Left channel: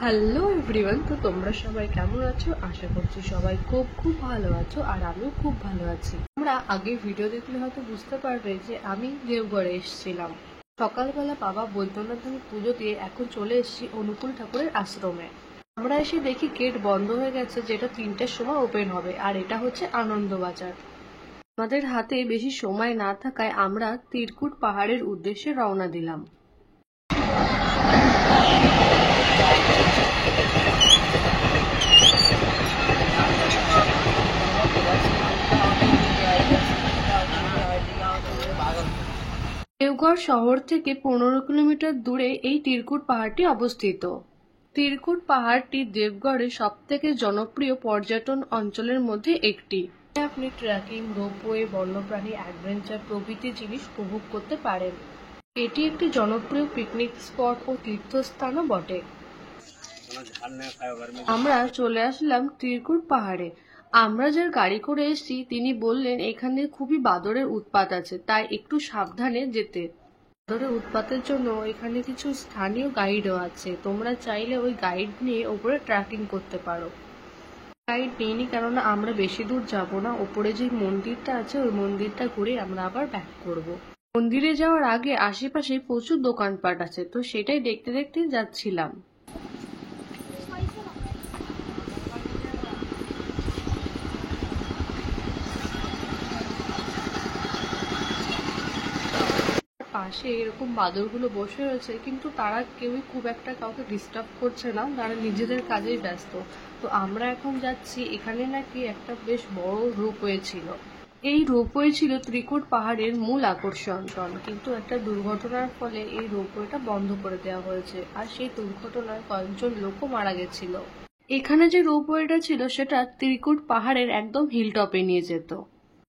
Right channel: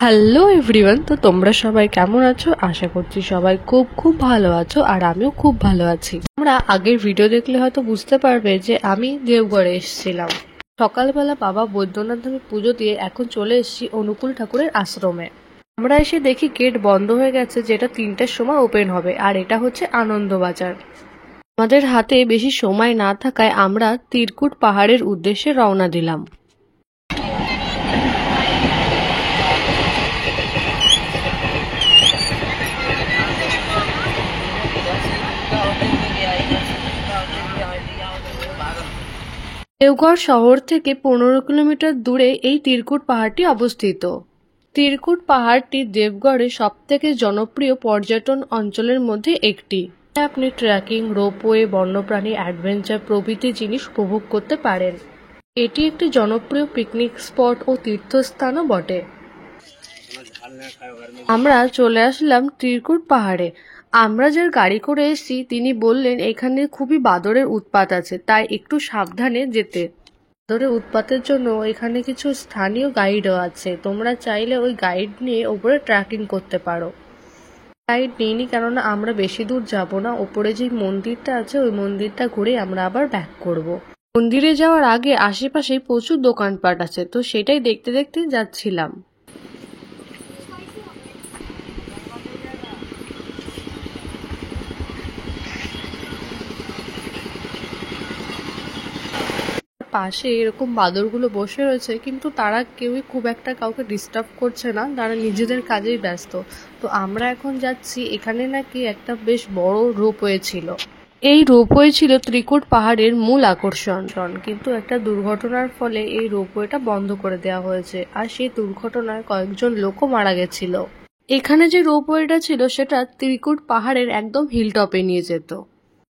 Hello everyone, তো তোমরা সবাই কেমন আছো? আশা করছি সবাই খুব খুব ভালো আছো, আর আমিও খুব ভালো আছি। তোমরা আগের ভিডিও দেখলে হয়তো বুঝতে পারবে যে আমি দেওঘরে এসেছিলাম। সকালবেলা বাবা বৈদ্যনাথ ধামে পুজো দিয়ে এখন চলে এসেছি অনুকূল ঠাকুরের আশ্রমে। আমরা এসে দেখি গেট বন্ধ হয়ে গেছে, যেটা 3টার সময় ওপেন হবে, আর এটা হচ্ছে আনন্দবাজার। আমাদের হাতে বেশি সময় না থাকায় আমরা তিরকুট পাহাড়ের উদ্দেশ্যে রওনা দিলাম। দেওঘর শহর থেকে 15 কিলোমিটার দূরে এই তিরকুট পাহাড়টি অবস্থিত। তিরকুট পাহাড়টি দেবগড়ের সবথেকে জনপ্রিয় পর্যটন অঞ্চলের মধ্যে একটি। আপনি ট্রেকিং, রোপওয়ে, বন্যপ্রাণী, অ্যাডভেঞ্চার প্রভৃতি জিনিস উপভোগ করতে পারেন। এটি একটি জনপ্রিয় পিকনিক স্পট ও তীর্থস্থানও বটে। আমরা চলে আসলাম তিরকুট পাহাড়ে। আমরা যার গাড়ি করে এসেছি তিনি বললেন এখানে খুবই বাদরের উৎপাত আছে, তাই একটু সাবধানে যেতে। বাদরের উৎপাতের জন্য এখানে কিছু স্থানীয় গাইডও আছে, তোমরা চাইলে ওই গাইড নিয়ে ওপরে ট্রেকিং করতে পারো। গাইড নিইনি, কেননা আমরা বেশি দূর যাব না। ওপরে যে মন্দিরটা আছে ওই মন্দিরটা ঘুরে আমরা আবার ব্যাক করব। মন্দিরে যাওয়ার আগে আশেপাশে প্রচুর দোকানপাট আছে, তো সেটাই দেখতে দেখতে যাচ্ছিলাম। পাশে এরকম বাদরগুলো বসে রয়েছে, কিন্তু তারা কেউই খুব একটা কাউকে ডিস্টার্ব করছে না, তারা নিজেদের কাজেই ব্যস্ত। তো আমরা এখন যাচ্ছি, এখানে নাকি একটা বেশ বড় রোপওয়ে ছিল। এই রোপওয়ে ছিল ত্রিকুট পাহাড়ের মূল আকর্ষণ, কিন্তু একটা দুর্ঘটনার ফলে এই রোপওয়েটা বন্ধ করে দেওয়া হয়েছে, আর সেই দুর্ঘটনায় কয়েকজন লোকও মারা গেছিল। এখানে যে রোপওয়েটা ছিল সেটা ত্রিকুট পাহাড়ের একদম হিলটপে নিয়ে যেত।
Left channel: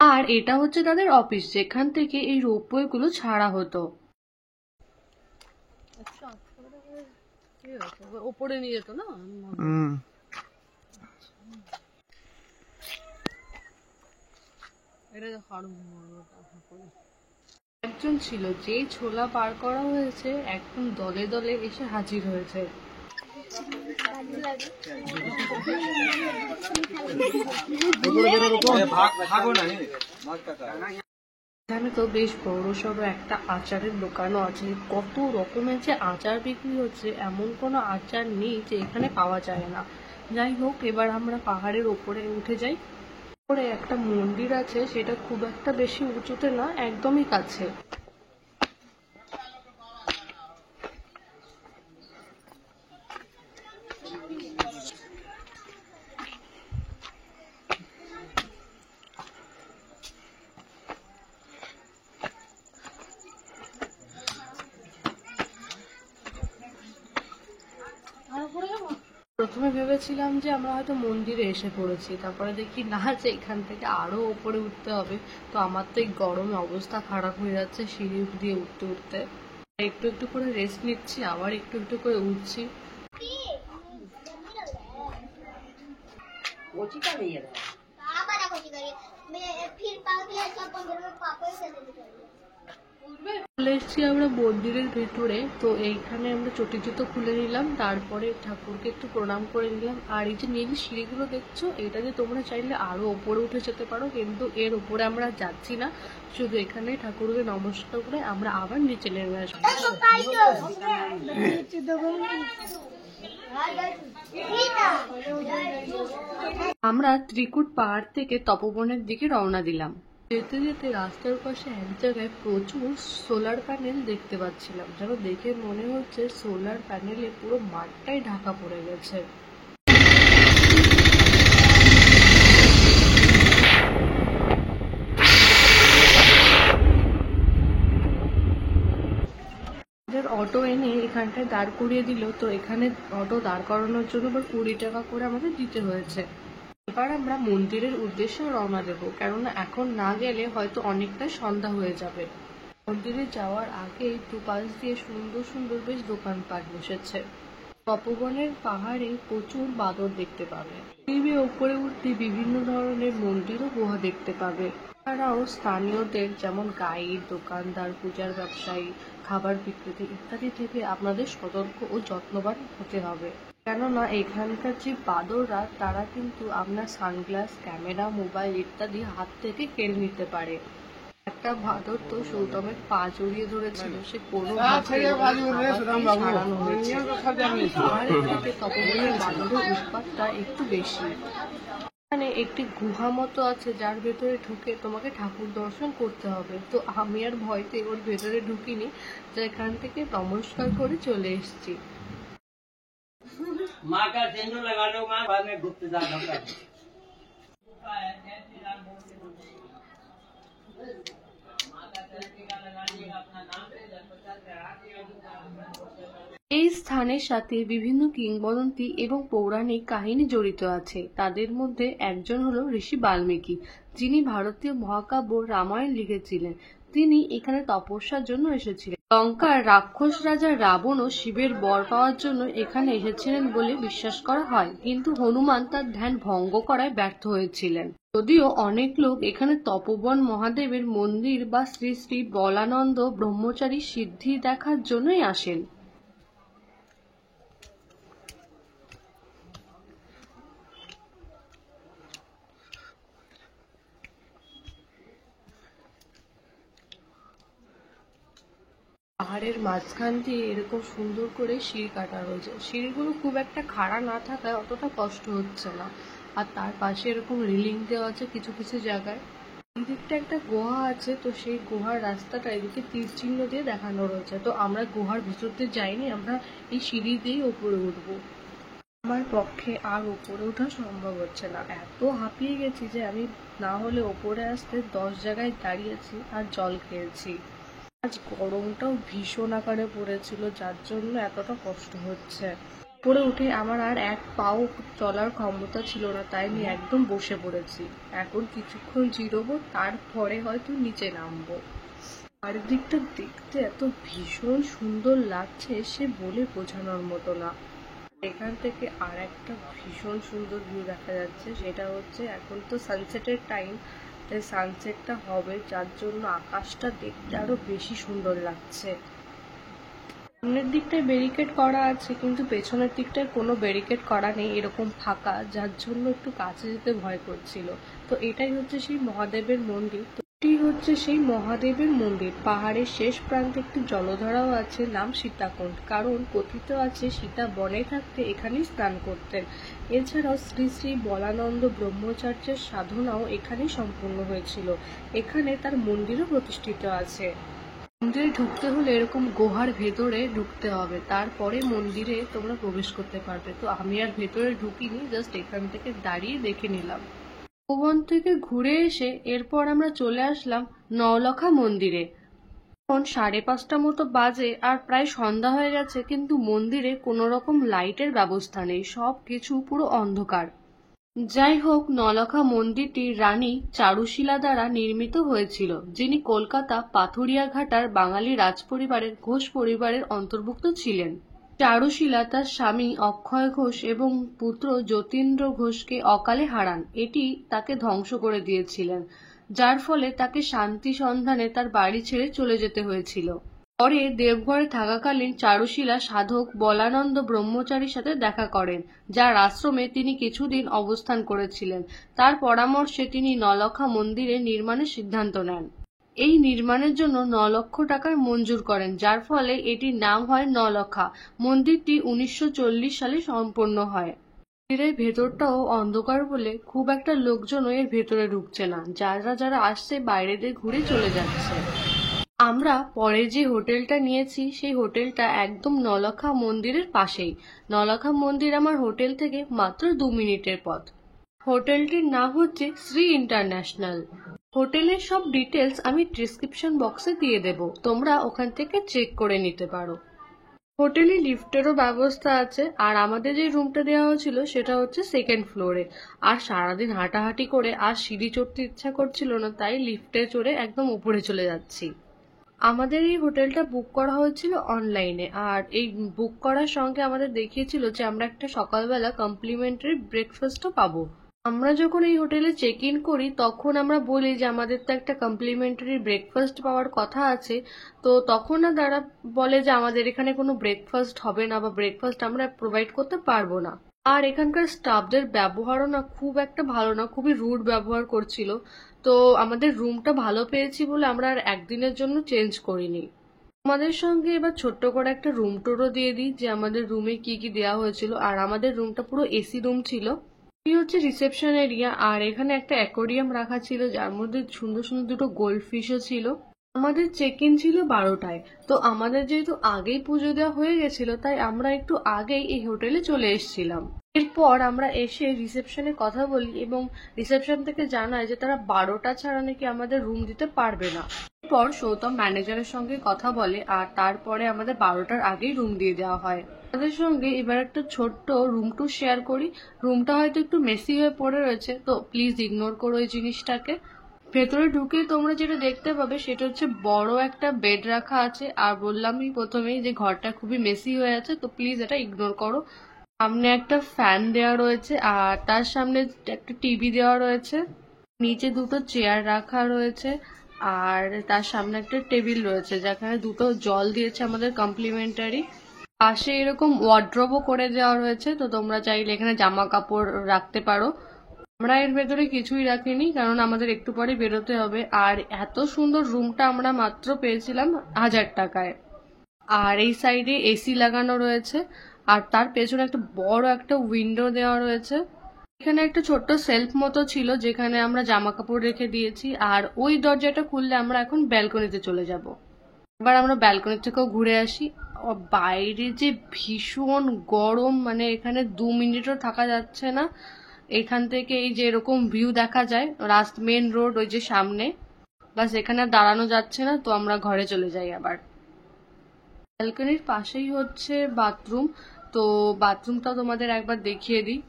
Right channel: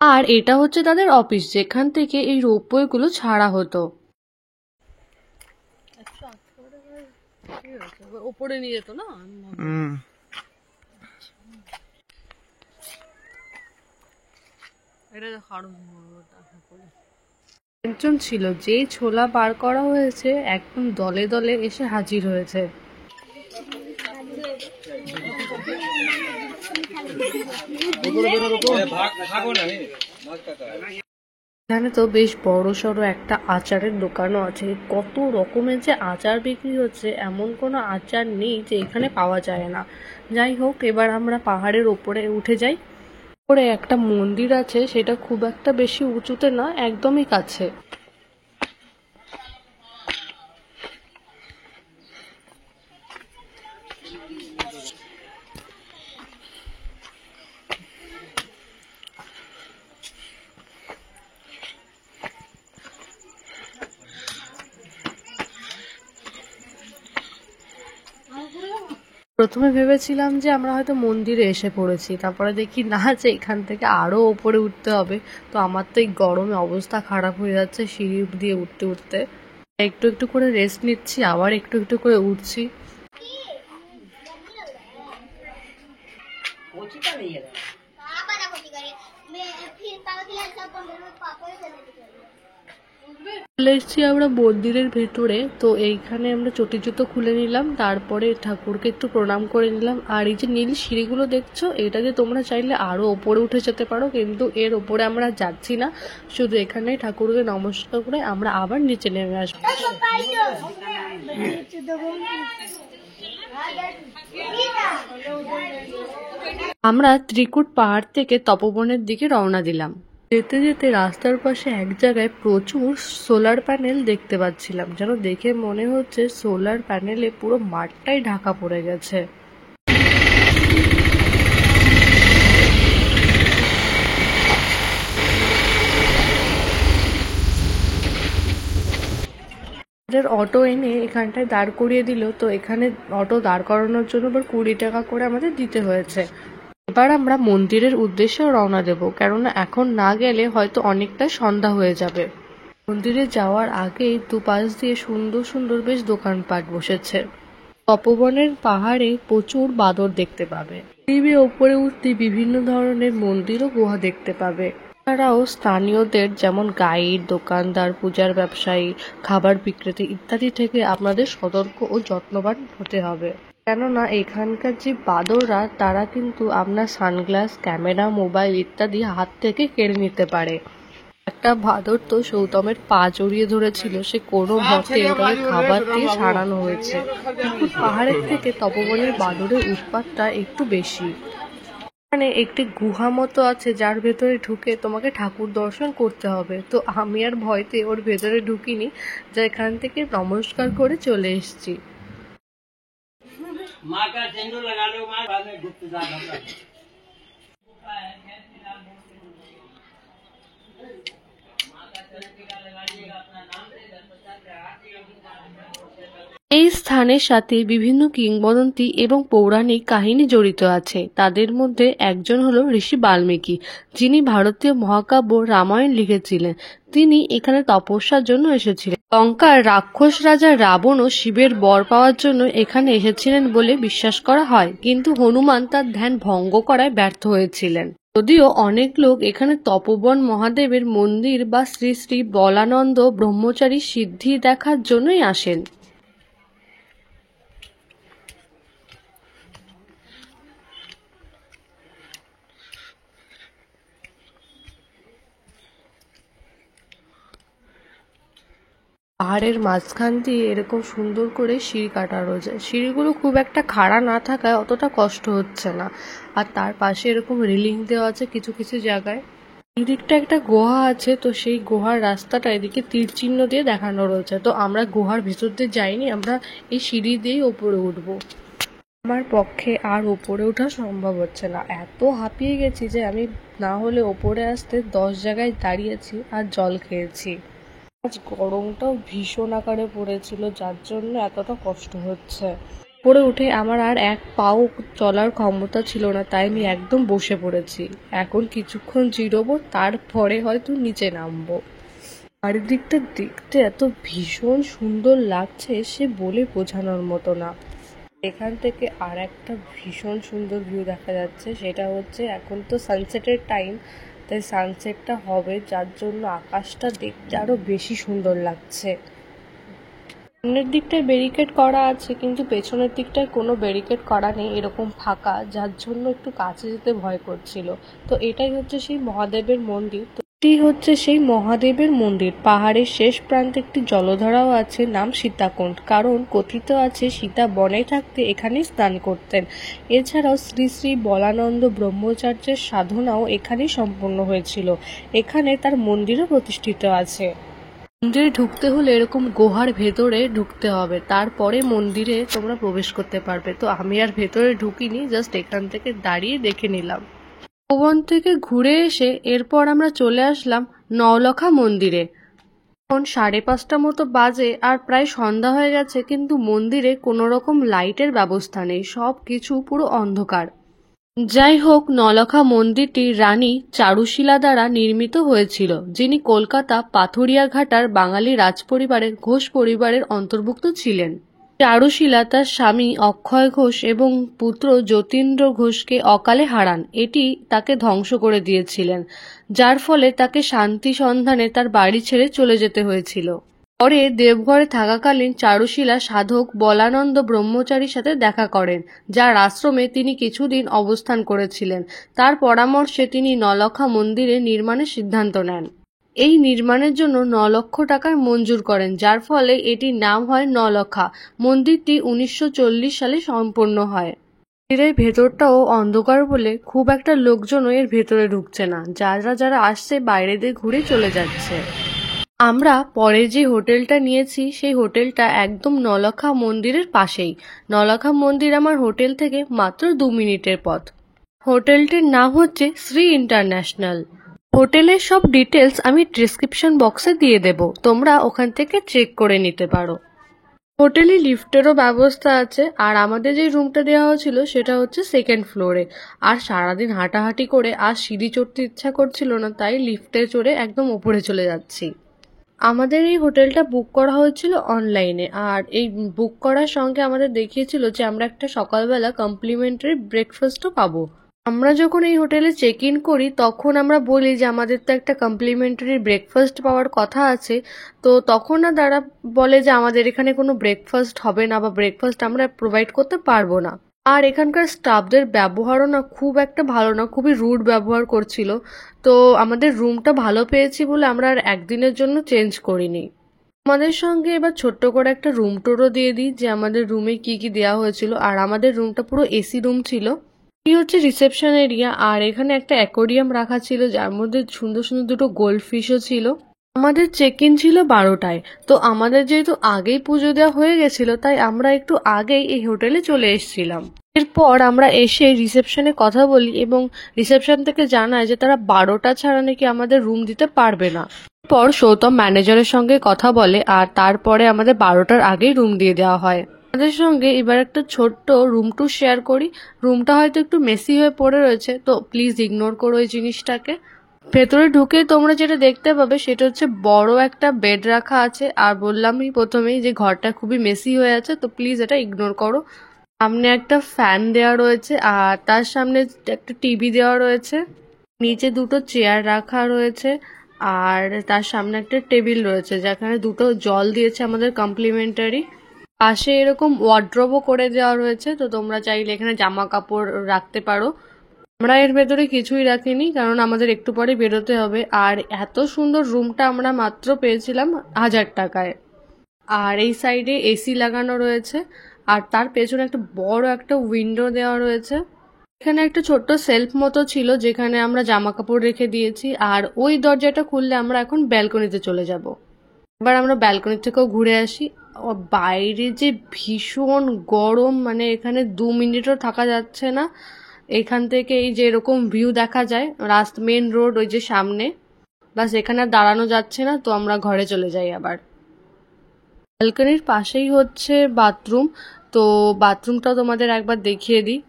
আর এটা হচ্ছে তাদের অফিস, যেখান থেকে এই রোপওয়ে গুলো ছাড়া হতো। ওপরে নিয়ে যেত না। একজন ছিল, যেই ছোলা বার করা হয়েছে একদম দলে দলে এসে হাজির হয়েছে। এখানে তো বেশ বড় সড়ো একটা আচারের দোকানও আছে। কত রকমের যে আচার বিক্রি হচ্ছে, এমন কোনো আচার নেই যে এখানে পাওয়া যায় না। যাই হোক, এবার আমরা পাহাড়ের ওপরে উঠে যাই। ওপরে একটা মন্দির আছে, সেটা খুব একটা বেশি উঁচুতে না, একদমই কাছে। প্রথমে ভেবেছিলাম যে আমরা হয়তো মন্দিরে এসে পড়েছি, তারপরে দেখি না, যে এখান থেকে আরো উপরে উঠতে হবে। তো আমার তো এই গরমে অবস্থা খারাপ হয়ে যাচ্ছে সিঁড়ি দিয়ে উঠতে উঠতে। একটু একটু করে রেস্ট নিচ্ছি, আবার একটু একটু করে উঠছি। চলে এসেছি আমরা মন্দিরের ভেতরে। তো এইখানে আমরা চটি জুতো খুলে নিলাম, তারপরে ঠাকুরকে একটু প্রণাম করে নিলাম। আর এই যে নীল সিঁড়িগুলো দেখছো, এটাকে তোমরা চাইলে আরো ওপরে উঠে যেতে পারো, কিন্তু এর ওপরে আমরা যাচ্ছি না। শুধু এখানে ঠাকুরকে নমস্কার করে আমরা আবার নিচে নেমে আসবো। আমরা ত্রিকুট পাহাড় থেকে তপবনের দিকে রওনা দিলাম। যেতে যেতে রাস্তার পাশে এক জায়গায় প্রচুর সোলার প্যানেল দেখতে পাচ্ছিলাম, যেন দেখে মনে হচ্ছে সোলার প্যানেলে পুরো মাঠটাই ঢাকা পড়ে গেছে। অটো এনে এখানটায় দাঁড় করিয়ে দিল। তো এখানে অটো দাঁড় করানোর জন্য আবার 20 টাকা করে আমাদের দিতে হয়েছে। এবার আমরা মন্দিরের উদ্দেশ্যে রওনা দেব, কেননা এখন না গেলে হয়তো অনেকটা সন্ধ্যা হয়ে যাবে। মন্দিরে যাওয়ার আগেই দুপাশ দিয়ে সুন্দর সুন্দর বেশ দোকানপাট বসেছে। তপবনের পাহাড়ে প্রচুর বাদর দেখতে পাবে। সিঁড়ি ওপরে উঠতে বিভিন্ন ধরনের মন্দির ও গুহা দেখতে পাবে। এছাড়াও স্থানীয়দের যেমন গাইড, দোকানদার, পূজার ব্যবসায়ী, খাবার বিক্রেতা ইত্যাদি থেকে আপনাদের সতর্ক ও যত্নবান হতে হবে। কেননা এখানকার যে বাঁদররা তারা কিন্তু আপনার সানগ্লাস, ক্যামেরা, মোবাইল ইত্যাদি হাত থেকে কেড়ে নিতে পারে। একটা বাঁদর তো সৌতমের পা জড়িয়ে ধরেছিল, সে কোনো মতে ওকে খাবার দিয়ে সারানো হয়েছে। কিন্তু পাহাড়ের থেকে তপবনের বাঁদরের উৎপাতটা একটু বেশি। এখানে একটি গুহা মতো আছে যার ভেতরে ঢুকে তোমাকে ঠাকুর দর্শন করতে হবে। তো আমি আর ভয়তে ওর ভেতরে ঢুকিনি, যা এখান থেকে নমস্কার করে চলে এসেছি। माँ का सिंदूर लगा लो माँ, बाद में डूबते जाना। এই স্থানের সাথে বিভিন্ন কিংবদন্তি এবং পৌরাণিক কাহিনী জড়িত আছে। তাদের মধ্যে একজন হলো ঋষি বাল্মীকি, যিনি ভারতীয় মহাকাব্য রামায়ণ লিখেছিলেন। তিনি এখানে তপস্যার জন্য এসেছিলেন। লঙ্কার রাক্ষস রাজা রাবণও শিবের বর পাওয়ার জন্য এখানে এসেছিলেন বলে বিশ্বাস করা হয়, কিন্তু হনুমান তার ধ্যান ভঙ্গ করায় ব্যর্থ হয়েছিলেন। যদিও অনেক লোক এখানে তপোবন মহাদেবের মন্দির বা শ্রী শ্রী বলানন্দ ব্রহ্মচারী সিদ্ধি দেখার জন্যই আসেন। পাহাড়ের মাঝখান দিয়ে এরকম সুন্দর করে সিঁড়ি কাটা রয়েছে। সিঁড়িগুলো খুব একটা খাড়া না থাকায় অতটা কষ্ট হচ্ছে না। আর তার পাশে এরকম রেলিং দেওয়া আছে কিছু কিছু জায়গায়। এই দিকটা একটা গুহা আছে, তো সেই গুহার রাস্তাটা এদিকে তীর চিহ্ন দিয়ে দেখানো রয়েছে। তো আমরা গুহার ভেতর দিয়ে যাইনি, আমরা এই সিঁড়ি দিয়েই ওপরে উঠবো। আমার পক্ষে আর ওপরে ওঠা সম্ভব হচ্ছে না, এত হাঁপিয়ে গেছি যে আমি না হলে ওপরে আসতে 10 জায়গায় দাঁড়িয়েছি আর জল খেয়েছি। আজ গরমটাও ভীষণ আকারে পড়েছিল, যার জন্য এতটা কষ্ট হচ্ছে। উপরে উঠে আমার আর এক পাও চলার ক্ষমতা ছিল না, তাই আমি একদম বসে পড়েছি। এখন কিছুক্ষণ জিরোবো, তারপরে হয়তো নিচে নামবো। চারিদিকটা দেখতে এত ভীষণ সুন্দর লাগছে, সে বলে বোঝানোর মতো না। এখান থেকে আর একটা ভীষণ সুন্দর ভিউ দেখা যাচ্ছে, সেটা হচ্ছে এখন তো সানসেটের টাইম, তাই সানসেটটা হবে, যার জন্য আকাশটা দেখতে আরো বেশি সুন্দর লাগছে। সামনের দিকটায় ব্যারিকেড করা আছে, কিন্তু পেছনের দিকটায় কোনো ব্যারিকেড করা নেই, এরকম ফাঁকা, যার জন্য একটু কাছে যেতে ভয় করছিল। তো এটাই হচ্ছে সেই মহাদেবের মন্দির। এটি হচ্ছে সেই মহাদেবের মন্দির। পাহাড়ের শেষ প্রান্তে একটি জলধারাও আছে, নাম সীতাকুণ্ড, কারণ কথিত আছে সীতা বনে থাকতে এখানে স্নান করতেন। এছাড়াও শ্রী শ্রী বলানন্দ ব্রহ্মচার্যের সাধনাও এখানেই সম্পন্ন হয়েছিল। এখানে তার মন্দিরও প্রতিষ্ঠিত আছে। মন্দিরে ঢুকতে হলে এরকম গুহার ভেতরে ঢুকতে হবে, তারপরে মন্দিরে তোমরা প্রবেশ করতে পারবে। তো আমি আর ভেতরে ঢুকিনি, জাস্ট এখান থেকে দাঁড়িয়ে দেখে নিলাম। ভবন থেকে ঘুরে এসে এরপর আমরা চলে আসলাম নওলখা মন্দিরে। এখন 5:30 মতো বাজে আর প্রায় সন্ধ্যা হয়ে গেছে, কিন্তু মন্দিরে কোনো রকম লাইটের ব্যবস্থা নেই, সব কিছু পুরো অন্ধকার। যাই হোক, নওলখা মন্দিরটি রানী চারুশীলা দ্বারা নির্মিত হয়েছিল, যিনি কলকাতা পাথুরিয়াঘাটার বাঙালি রাজপরিবারের ঘোষ পরিবারের অন্তর্ভুক্ত ছিলেন। চারুশীলা তার স্বামী অক্ষয় ঘোষ এবং পুত্র যতীন্দ্র ঘোষকে অকালে হারান। এটি তাকে ধ্বংস করে দিয়েছিলেন, যার ফলে তাকে শান্তি সন্ধানে তার বাড়ি ছেড়ে চলে যেতে হয়েছিল। পরে দেবঘরে থাকাকালীন চারুশীলা সাধক বলানন্দ ব্রহ্মচারীর সাথে দেখা করেন, যার আশ্রমে তিনি কিছুদিন অবস্থান করেছিলেন। তার পরামর্শে তিনি নওলখা মন্দিরের নির্মাণের সিদ্ধান্ত নেন। এই নির্মাণের জন্য 9 লক্ষ টাকার মঞ্জুর করেন, যার ফলে এটির নাম হয় নওলখা। মন্দিরটি 1940 সালে সম্পন্ন হয়। মন্দিরের ভেতরটাও অন্ধকার বলে খুব একটা লোকজনও এর ভেতরে ঢুকছে না, যারা যারা আসছে বাইরে দিয়ে ঘুরে চলে যাচ্ছে। আমরা পরে যে হোটেলটা নিয়েছি সেই হোটেলটা একদম নওলখা মন্দিরের পাশেই। নওলখা মন্দির আমার হোটেল থেকে মাত্র 2 মিনিটের পথ। হোটেলটির নাম হচ্ছে শ্রী ইন্টারন্যাশনাল। হোটেলের সব ডিটেলস আমি ডেসক্রিপশন বক্সে দিয়ে দেব, তোমরা ওখান থেকে চেক করে নিতে পারো। হোটেলে লিফটেরও ব্যবস্থা আছে, আর আমাদের যে রুমটা দেওয়া হয়েছিল সেটা হচ্ছে 2nd ফ্লোরে। আর সারাদিন হাঁটাহাঁটি করে আর সিঁড়ি চড়তে ইচ্ছা করছিল না, তাই লিফটে চড়ে একদম উপরে চলে যাচ্ছি। আমাদের এই হোটেলটা বুক করা হয়েছিল অনলাইনে, আর এই বুক করার সঙ্গে আমাদের দেখিয়েছিল যে আমরা একটা সকালবেলা কমপ্লিমেন্টারি ব্রেকফাস্টও পাবো। আমরা যখন এই হোটেলে চেক ইন করি তখন আমরা বলি যে আমাদের তো একটা কমপ্লিমেন্টারি ব্রেকফাস্ট পাওয়ার কথা আছে। তো তখন না তারা বলে যে আমাদের এখানে কোনো ব্রেকফাস্ট হবে না বা ব্রেকফাস্ট আমরা প্রোভাইড করতে পারবো না। আর এখানকার স্টাফদের ব্যবহারও না খুব একটা ভালো না, খুবই রুড ব্যবহার করছিল। তো আমাদের রুমটা ভালো পেয়েছি বলে আমরা আর একদিনের জন্য চেঞ্জ করিনি। আমাদের সঙ্গে এবার ছোট্ট করে একটা রুম টুরও দিয়ে দিই যে আমাদের রুমে কি কি দেওয়া হয়েছিল। আর আমাদের রুমটা পুরো এসি রুম ছিল। এই হচ্ছে রিসেপশন এরিয়া, আর এখানে একটা অ্যাকোরিয়াম রাখা ছিল যার মধ্যে সুন্দর সুন্দর দুটো গোল্ড ফিশও ছিল। আমাদের চেক ইন ছিল 12টায়। তো আমাদের যেহেতু আগেই পুজো দেওয়া হয়ে গেছিল তাই আমরা একটু আগেই এই হোটেলে চলে এসেছিলাম। এরপর আমরা এসে রিসেপশনে কথা বলি এবং রিসেপশন থেকে জানায় যে তারা 12টা ছাড়া নাকি আমাদের রুম দিতে পারবে না। এরপর সৌতম ম্যানেজারের সঙ্গে কথা বলে আর তারপরে আমাদের 12টার আগেই রুম দিয়ে দেওয়া হয়। আমাদের সঙ্গে এবার একটা ছোট্ট রুম ট্যুর শেয়ার করি। রুমটা হয়তো একটু মেসি হয়ে পড়ে রয়েছে, তো প্লিজ ইগনোর করো এই জিনিসটাকে। ভেতরে ঢুকে তোমরা যেটা দেখতে পাবে সেটা হচ্ছে বড় একটা বেড রাখা আছে। আর বললামই প্রথমেই যে ঘরটা খুবই মেসি হয়ে আছে, তো প্লিজ এটা ইগনোর করো। সামনে একটা ফ্যান দেওয়া রয়েছে আর তার সামনে একটা টিভি দেওয়া রয়েছে। নিচে দুটো চেয়ার রাখা রয়েছে আর তার সামনে একটা টেবিল রয়েছে যেখানে দুটো জল দিয়েছে আমাদের কমপ্লিমেন্টারি। পাশে এরকম ওয়ার্ড্রোবও করে দেওয়া রয়েছে, তো তোমরা চাইলে এখানে জামা কাপড় রাখতে পারো। আমরা এর ভেতরে কিছুই রাখিনি কারণ আমাদের একটু পরে বেরোতে হবে। আর এত সুন্দর রুমটা আমরা মাত্র পেয়েছিলাম 1000 টাকায়। আর এই সাইডে এসি লাগানো রয়েছে আর তার পেছনে একটা বড় একটা উইন্ডো দেওয়া রয়েছে। এখানে একটা ছোট্ট সেলফ মতো ছিল যেখানে আমরা জামা কাপড় রেখে দিয়েছি। আর ওই দরজাটা খুললে আমরা এখন ব্যালকনিতে চলে যাব। এবার আমরা ব্যালকনি থেকেও ঘুরে আসি। বাইরে যে ভীষণ গরম, মানে এখানে 2 মিনিটও থাকা যাচ্ছে না। এখান থেকে এই যে এরকম ভিউ দেখা যায় মেন রোড ওই যে সামনে, বাস এখানে আর দাঁড়ানো যাচ্ছে না, তো আমরা ঘরে চলে যাই আবার। ব্যালকনির পাশেই হচ্ছে বাথরুম, তো বাথরুমটা তোমাদের একবার দেখিয়ে দিই।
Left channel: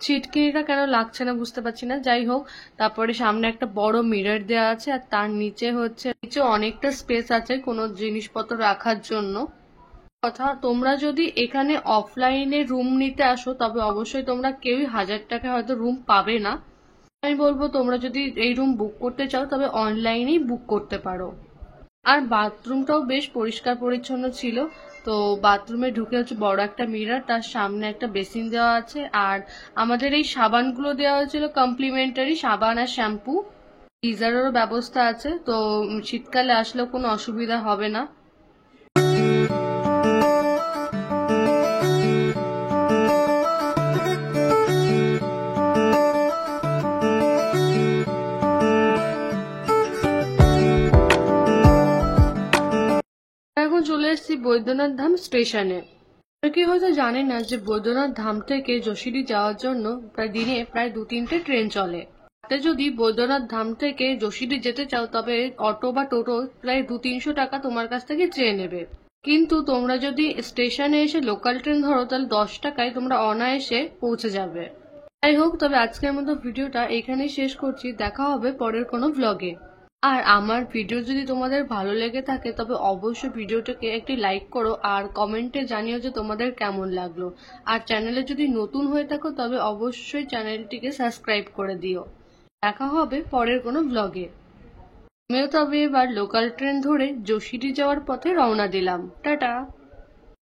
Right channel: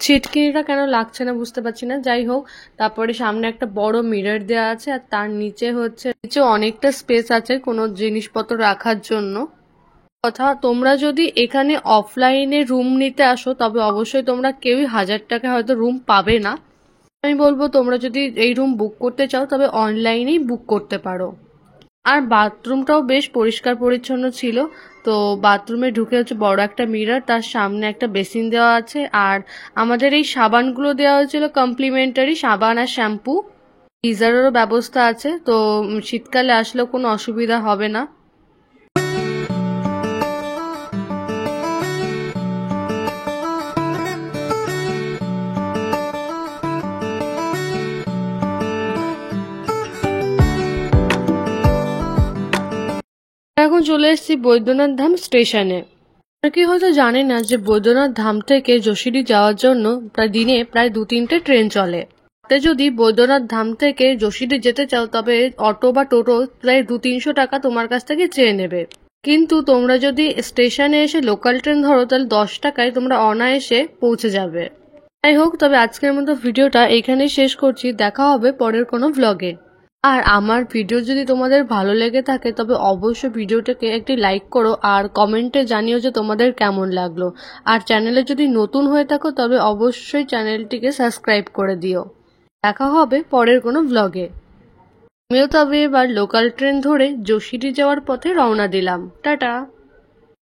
ছিটকিনিটা কেন লাগছে না বুঝতে পারছি না, যাই হোক। তারপরে সামনে একটা বড় মিরর দেওয়া আছে আর তার নিচে অনেকটা স্পেস আছে কোনো জিনিসপত্র রাখার জন্য। কথা, তোমরা যদি এখানে অফলাইনে রুম নিতে আসো তবে অবশ্যই তোমরা কেউই 1000 টাকা হয়তো রুম পাবে না। আমি বলবো তোমরা যদি এই রুম বুক করতে চাও তবে অনলাইনেই বুক করতে পারো। আর বাথরুমটাও বেশ পরিষ্কার পরিচ্ছন্ন ছিল। তো বাথরুমে ঢুকে হচ্ছে বড় একটা মিরর, তার সামনে একটা বেসিন দেওয়া আছে। আর আমাদের এই সাবানগুলো দেওয়া হয়েছিল কমপ্লিমেন্টারি, সাবান আর শ্যাম্পু। গিজারেরও ব্যবস্থা আছে, তো শীতকালে আসলেও কোনো অসুবিধা হবে না। এখন চলে এসেছি বৈদ্যনাথ ধাম স্টেশনে। অনেকে হয়তো জানে না যে বৈদ্যনাথ ধাম থেকে যশোরী যাওয়ার জন্য দিনে প্রায় 2-3টে ট্রেন চলে। তাতে যদি বৈদ্যনাথ ধাম থেকে যশোরী যেতে চাও তবে অটো বা টোটো প্রায় 200-300 টাকা তোমার কাছ থেকে চেয়ে নেবে। কিন্তু তোমরা যদি স্টেশনে এসে লোকাল ট্রেন ধরো তাহলে 10 টাকায় তোমরা অনায়াসে পৌঁছে যাবে। যাই হোক, তবে আজকের মতো ভিডিওটা এইখানেই শেষ করছি। দেখা হবে পরের কোনো ভ্লগে। আর আমার ভিডিও যদি তোমাদের ভালো লেগে থাকে তবে অবশ্যই ভিডিওটাকে একটি লাইক করো আর কমেন্টে জানিও যে তোমাদের কেমন লাগলো। আর চ্যানেলে যদি নতুন হয়ে থাকো তবে অবশ্যই চ্যানেলটিকে সাবস্ক্রাইব করে দিও। দেখা হবে পরের কোনো ভ্লগে। আমিও তবে এবার লোকাল ট্রেন ধরে যশোরী যাওয়ার পথে রওনা দিলাম। টাটা।